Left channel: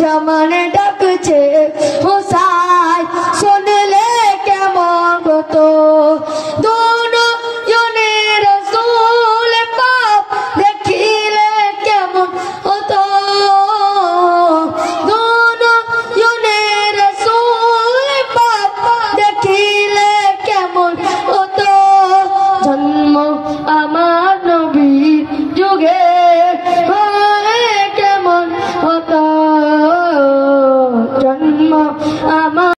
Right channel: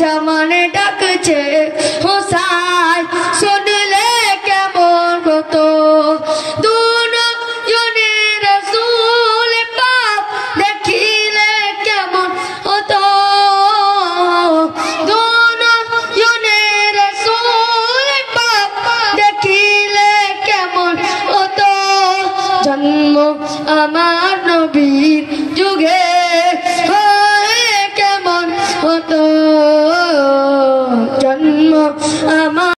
জামানে ডাকছে হুসাইন শুনলে কেমন হতো দুনয়নের রাসূল পাক দেখিলে কেমন হতো দুনয়নের রাসূল পাক দেখিলে কেমন হতো জন্ম আমার নবীর যুগে কেমন হতো জন্ম আমার